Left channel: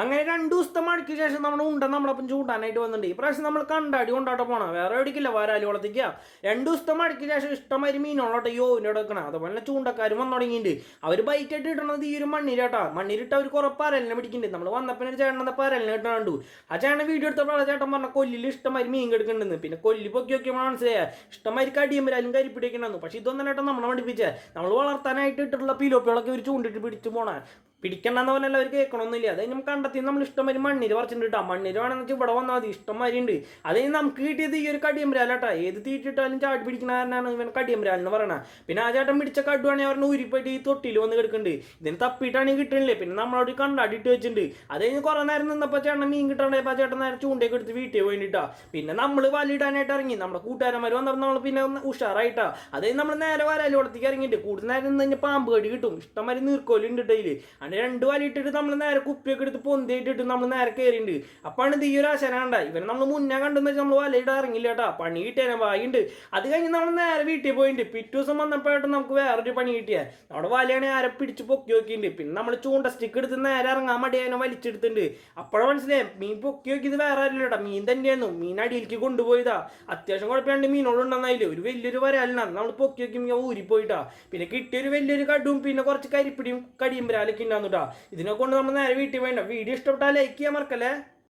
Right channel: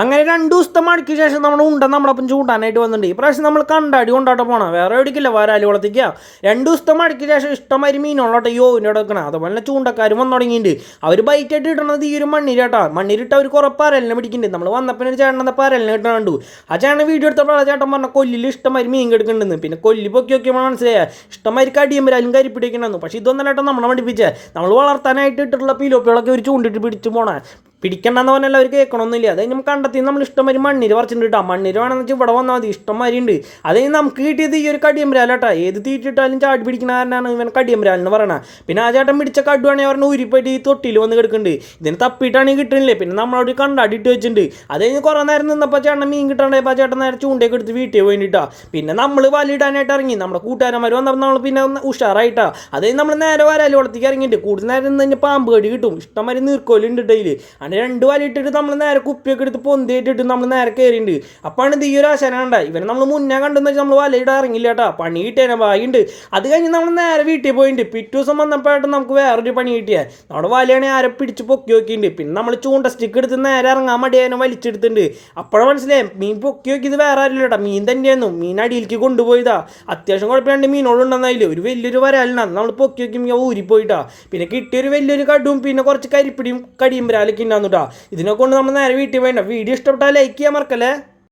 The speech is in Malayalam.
അങ്ങനെ 2 ദിവസത്തെ മഴയ്ക്ക് ശേഷം നമ്മുടെ നമ്മളപ്പം ചൂടാനായിട്ട് വന്നിട്ടുണ്ട്. ഈ പ്രാവശ്യം നമ്മൾ കണ്ടാടി കൊണ്ടാട്ട പോകണം, വേറെ എവിടേക്കില്ല, വരാലി കുളത്തേക്ക്. 2 ദിവസത്തെ മഴയ്ക്ക് ശേഷം ഇഷ്ടംമാതിരി മീനുള്ളോട്ടെ യോവിൻ്റെ അവിടെ വെക്കണം. അതുപോലെ തന്നെ ചൂണ്ടക്കാരും വന്നു തുടങ്ങിയിട്ടുണ്ട്. അവർ ബൈറ്റായിട്ട് ഇടണത് ഈ ഒരു മണ്ണിരാട്ടാ. മണ്ണിരിട്ട് അവർ കുറേ പരലിനെ പിടിക്കുന്നുണ്ട്. നമ്മൾ വന്നപ്പോൾ ഒരു ചേട്ടൻ പരലിനെ കിട്ടാണ്ട് ആ ചേട്ടൻ വീഡിയോ എടുത്തപ്പോൾ ആ ചേട്ടൻ പറഞ്ഞ കൊല്ലിൽ ഇഷ്ടംമാതിരി മീൻ കിടക്കുന്നുണ്ടെന്ന്. പിന്നെ കൊല്ലി പൊക്കി നോക്കിയപ്പോൾ മനസ്സിലായ ഇഷ്ടംമാതിരി കടിയുമ്പോഴാലും കരിപ്പിടിക്കണമെന്ന്. പക്ഷേ ഇതൊന്നും ചേട്ടൻ നമ്മളെ പഠിപ്പിച്ചേ. നമ്മൾ വളർത്താനായിട്ട് ഇട്ടിട്ടുള്ള പിലോപ്പികളൊക്കെ ഒരു ചൂണ്ടിട്ട് പിടിച്ച് പോണേ. പിടിക്കണ്ടെന്ന് പറഞ്ഞാൽ അവർ കേൾക്കണമെന്നില്ല. അത് നമ്മൾ കണ്ടെത്തി നമ്മൾ ഇഷ്ടംമാതിരി മണ്ണിര് പറിച്ചിട്ടുണ്ട് കേട്ടോ. മണ്ണിര് വേണമെന്ന് വെച്ചാൽ ഇവിടെ വന്നാൽ മതി, ഇഷ്ടംമാതിരി ഉണ്ട്. അത് നമുക്ക് കിട്ടിയത് ഈ ഒരു കടിയമ്പരാലാട്ടാ. ഏത് തീറ്റിട്ടാലും ചാടി പിടിക്കുന്ന കാരനാണ് ഇവൻ കടിയമ്പരാലെന്ന് പറയണത്. പിന്നെ ആ ചേട്ടൻ പിടിച്ച കടുവാണെങ്കിൽ പറഞ്ഞാൽ ഉരിപ്പോയിട്ട് ഈ തൊട്ടിയിൽ വന്ന് കിടക്കുന്നുണ്ട്. ഇതിന് തപ്പിയിട്ടാണെങ്കിൽ കിട്ടുന്നില്ലേ. പിന്നെ നമ്മളോട് കണ്ടാടിയിട്ട് വെച്ചിട്ടുണ്ട്. അത് കഴിഞ്ഞ് കുറേ നേരം നിന്നപ്പോൾ ചേട്ടൻ മീൻ കിട്ടാണ്ടായപ്പോൾ ആ ചേട്ടൻ നേരെ ചൂണ്ടയൊക്കെ എടുത്ത് വീട്ടിൽ പോയിട്ടാ. പിന്നെ നമ്മൾ വലയിടാനായിട്ട് ഇറങ്ങി. നമ്മുടെ കൂട്ടുകാരന്മാർ വന്നപ്പോൾ നമ്മൾ പിന്നെ ഉഷാറായിട്ടാ. അത് കഴിഞ്ഞ് നമ്മൾ നേരെ വരാലി കുളത്തേക്ക് ഇറങ്ങിയിട്ട്. കൂടുതൽ നേരം നിന്ന് കഴിഞ്ഞാൽ പാമ്പ് കടി കിട്ടും. ഇഷ്ടംമാതിരി നീർക്കോലുണ്ട് ഡെയിലി. അങ്ങനെ 2 വല ഇട്ടിട്ട് നമ്മൾ നേരെ കുപ്പിയൊക്കെ എടുത്ത് പൊന്തിയിട്ടിട്ട് നമ്മൾ നേരെ കയറിയിട്ടുണ്ട്. അപ്പാണ് ഇത് ഈ ഒരു ആശാന കണ്ട. ഇവനെ നമ്മൾ മുന്നേ കണ്ടെന്ന് വെച്ചാൽ നമ്മൾ വലയിടാൻ ഇറങ്ങില്ല കേട്ടോ. പണി കിട്ടിയാൽ ഭാഗ്യമുണ്ട്. അത് കഴിഞ്ഞ് നമ്മൾ നേരെ വീട്ടിൽ പോയിട്ടുണ്ട്. പിറ്റേ ദിവസം വന്നപ്പോഴായിട്ട് നമുക്ക് വേറൊരു പണി കിട്ടിയാൽ നമ്മുടെ വലയാണെങ്കിൽ ആരെ പിടിച്ച് പൊക്കി നോക്കിയിട്ടുണ്ട്. പിന്നെ നമ്മൾ ചൂണ്ട സ്റ്റിക്ക് എടുത്ത് നേരെ ഇറങ്ങാൻ മടിയാനും വലിച്ചെടുത്തിട്ടുണ്ട്. അപ്പോഴാണ് മനസ്സിലായി മീൻ പൊക്കി നോക്കിയത് വേറെ ആരില്ല കേട്ടോ, മീൻ തന്നെയായിരുന്നു. മീൻ അടിയിലേക്ക് കൊണ്ടുപോയതാ. അത്യാവശ്യം കുഴപ്പമില്ലാണ്ട് മീനോളുണ്ടെന്നതിൽ ഒരു വലിയൊരു വരാലിനാണ് നമ്മൾ പൊക്കി നോക്കി മീൻ ഊരിപ്പോയിട്ടാ. പിന്നെ കിട്ടിയൊരു വലിയൊരു കടുവും പിന്നെ കുറച്ച് കരിപ്പിടിയും കടിയും വരാലൊക്കെ ഉണ്ടാകുന്നു കേട്ടോ. ഇതിനെ കൊണ്ട് നമ്മൾ നേരെ വീട്ടിൽ വേണ്ട. വീഡിയോ ഇഷ്ടപ്പെട്ടാൽ ലൈക്ക് ചെയ്യാൻ മറക്കല്ലേ.